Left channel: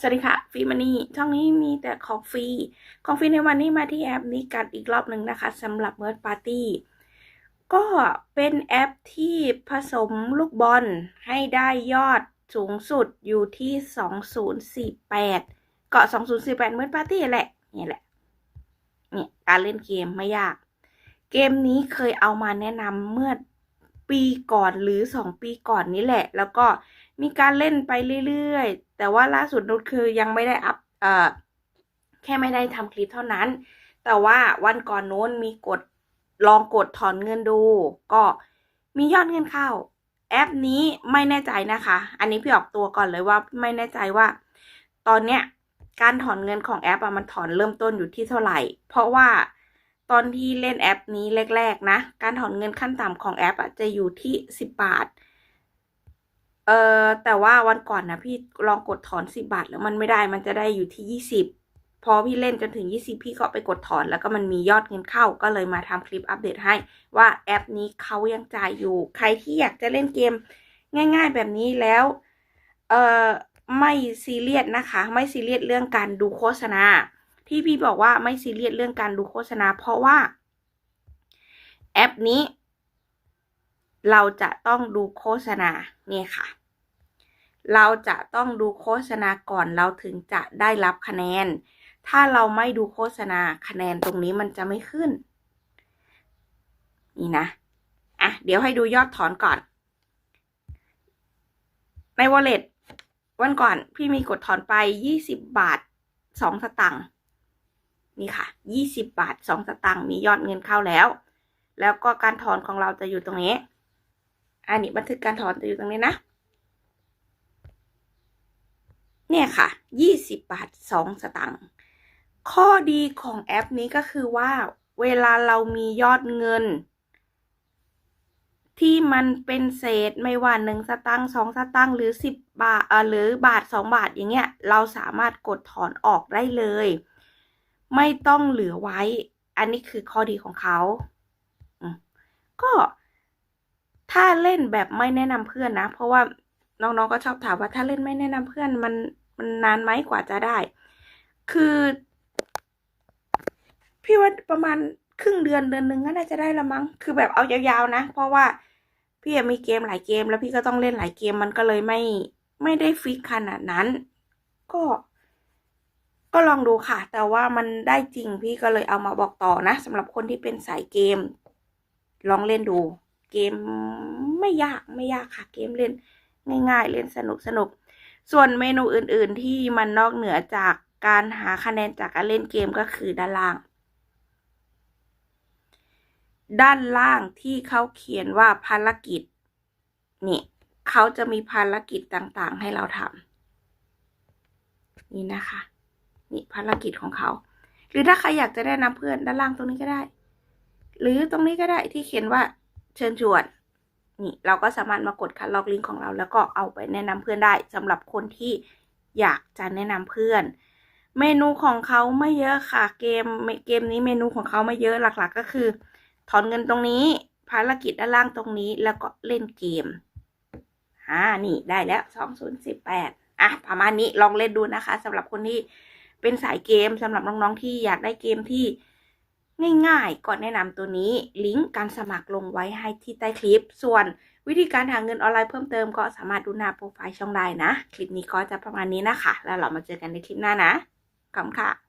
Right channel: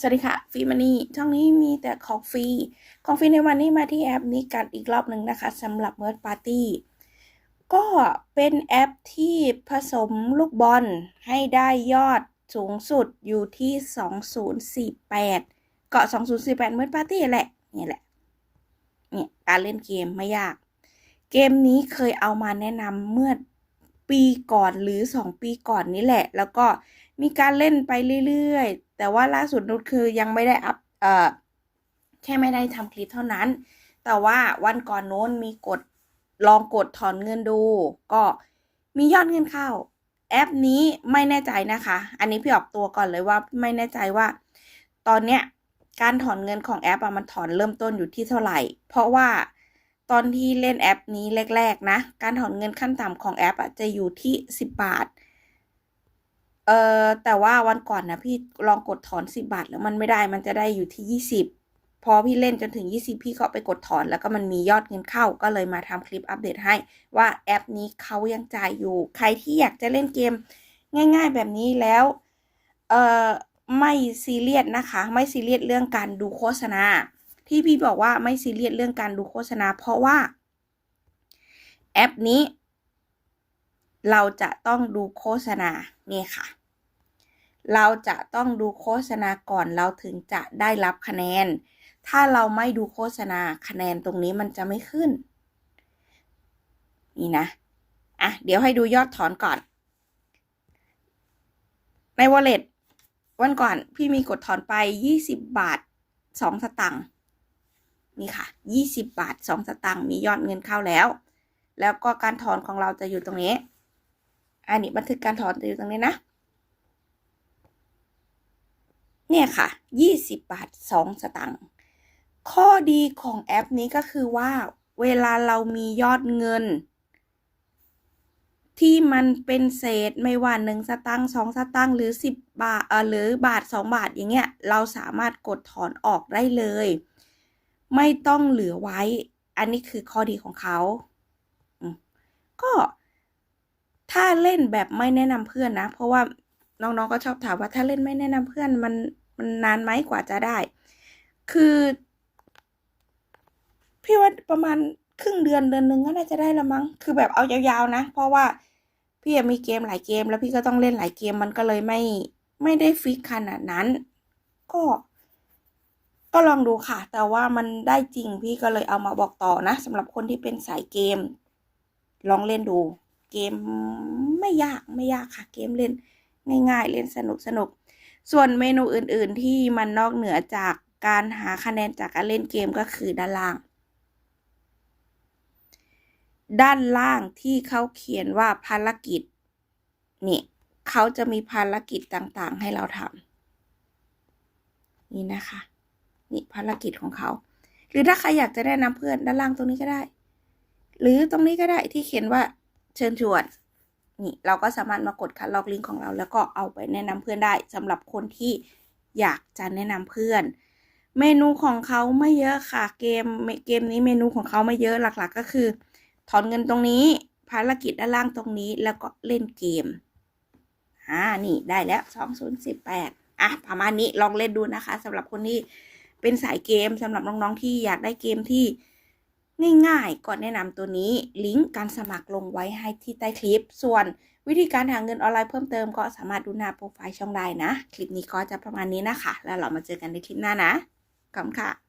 สวัสดีค่ะฟรีมันนี่ช่องนี้มีแต่ของฟรีของฟรีในวันนี้มาที่แอปนี้กันอีกรอบหนึ่งนะคะสำหรับเมิร์ดปาร์ตี้ก็เป็นแอปที่ผสมลูกบอลให้ได้ยอดสูงสุดอยู่ที่ 2048 เกาะ 2048เมิร์ดปาร์ตี้แหละนี่แหละเนี่ยการเล่นเกมไม่ยาก เกมนี้เคยเอามาแนะนำเมื่อปีก่อนหรือ 2 ปีก่อนนี้แหละ แล้วก็ มีการเล่นไปเรื่อยๆ แต่ว่าล่าสุดนุชคือยังไม่ได้อัพเอ่อแค่ไม่ได้ทำคลิปเท่านั้น แต่ว่าวันก่อนโน้นมีกดลองกดถอนเงินดู ก็มียอดเงินเข้า แอปนี้ไม่แน่ใจนะคะ อันนี้พี่ออกตัวก่อนเลยว่าไม่แน่ใจว่า ตอนเนี้ยการถอนเงินของแอปอะมันถอนเริ่มต้นอยู่ที่เท่าไหร่ เพราะว่าตอนที่เล่นแอปนี้แรก ๆ นะ การถอนเงินขั้นต่ำของแอปอะจะอยู่ที่ 10 บาท เออแต่ว่าวันก่อนนะพี่ลองกดถอน10บาทแล้วมันไม่ได้มันจะได้อยู่ที่20พอพี่เล่นจนถึง 20 พี่ก็ไปกดถอนแล้วก็มันมียอดเงินเข้าก็เลยมาทำคลิปอัปเดตให้ ว่าแอปนี้เขายังจ่ายอยู่ ใครที่อยากจะเล่นเกม ง่ายๆแบบนี้แล้ว เออไม่ซีเรียสนะคะ ไม่ซีเรียสเรื่องการดูโฆษณา ที่พี่บอกว่าไม่ซีเรียสเรื่องการดูโฆษณา เพราะว่า แอปนี้ เราจะต้องดูโฆษณานี่ค่ะ เราจะต้องดูโฆษณาก่อนเราถึงจะได้รับคะแนน ถ้าเราไม่ดูโฆษณาคะแนนตรงนี้มันจะไม่ขึ้น นี่นะ อะ เดี๋ยวให้ดูยอดถอนก่อน ใน wallet วันก่อนพี่มีกดถอนไป 20 บาท 2 สตังค์นี่ค่ะ 20 บาท 2 สตังค์มียอดเงินเข้าแล้ว แล้วก็การถอนของเราจะอยู่ตรงนี้ อันนี้บันทึกการถอนจะอยู่ตรงนี้นะ เนี่ยค่ะ 20 บาท 2 สตังค์ ข้อดีของแอปนี้ก็คือว่า เวลาเรามียอดเงิน ที่มันเป็นเศษไม่ว่าหนึ่งสตังค์สองสตังค์หรือสิบบาทเออหรือบาทสองบาทอย่างเงี้ย เราสามารถกดถอนออกได้เลย ไม่ต้องเหลือไว้ อันนี้คือข้อดีของเขา ก็ ถ้าเล่นแบบไม่แนะนำเพื่อนนะ เพราะว่าน้องๆก็ชอบถามว่าถ้าเล่นไม่แนะนำเพื่อนมันมันนานไหมกว่าจะได้ คือ พี่ว่าประมาณครึ่งเดือนเดือนหนึ่งก็น่าจะได้ละมั้ง คือแบบเอายาวๆนะ เพราะว่าพี่มีเกมหลายเกม แล้วพี่ก็ต้องเล่นหลายเกมมันก็เลยไม่ไม่ได้ฟิกขนาดนั้น ก็ ก็ลองดูค่ะ แต่ว่ามันได้จริงพี่ก็เลยเอามาบอกต่อนะสำหรับคนที่เป็นสายเกม ลองเล่นดู เกมไม่ยากไม่ยากค่ะเกมเล่นง่าย ๆ เล่นสนุกสนุกส่วนเมนูอื่นๆที่มันนอกเหนือจากการหาคะแนนจากการเล่นเกมก็คือด้านล่าง ด้านล่างที่เขาเขียนว่าภารกิจนี่เขาจะมีภารกิจต่างๆ ให้เราทำนี่นะคะ นี่ภารกิจของเขา หรือถ้าใครอยากจะแนะนำเพื่อนด้านล่างตรงนี้ก็ได้ หรือตรงนี้ก็ได้ที่เขียนว่า เชิญชวนนี่เราก็สามารถมากดคัดลอกลิงก์ของเรา แล้วก็เอาไปแนะนำเพื่อนได้สำหรับคนที่อยากจะแนะนำเพื่อน เมนูของเขาไม่เยอะค่ะเกมเกมนี้เมนูของเขาไม่เยอะหลักๆ ก็คือ ถอนเงินตรงนี้ ภารกิจด้านล่างตรงนี้แล้วก็เล่นเกมอ่านี่ได้แล้วสองศูนย์สิบแปดอะประมาณนี้ลองเล่นดูนะคะสำหรับคนที่เป็นสายเกมสำหรับน้องๆที่อยากได้เกมที่ ง่ายๆ ก่อนแนะนำตัวนี้ ลิงก์การสมัครลงไว้ให้ที่ใต้คลิป ส่วนวิธีการหาเงินออนไลน์เพิ่มเติมก็สามารถดูหน้าโปรไฟล์ช่องได้นะ คลิปนี้ก็จะประมาณนี้นะคะ แล้วเรามาเจอกันในคลิปหน้านะขอบคุณค่ะ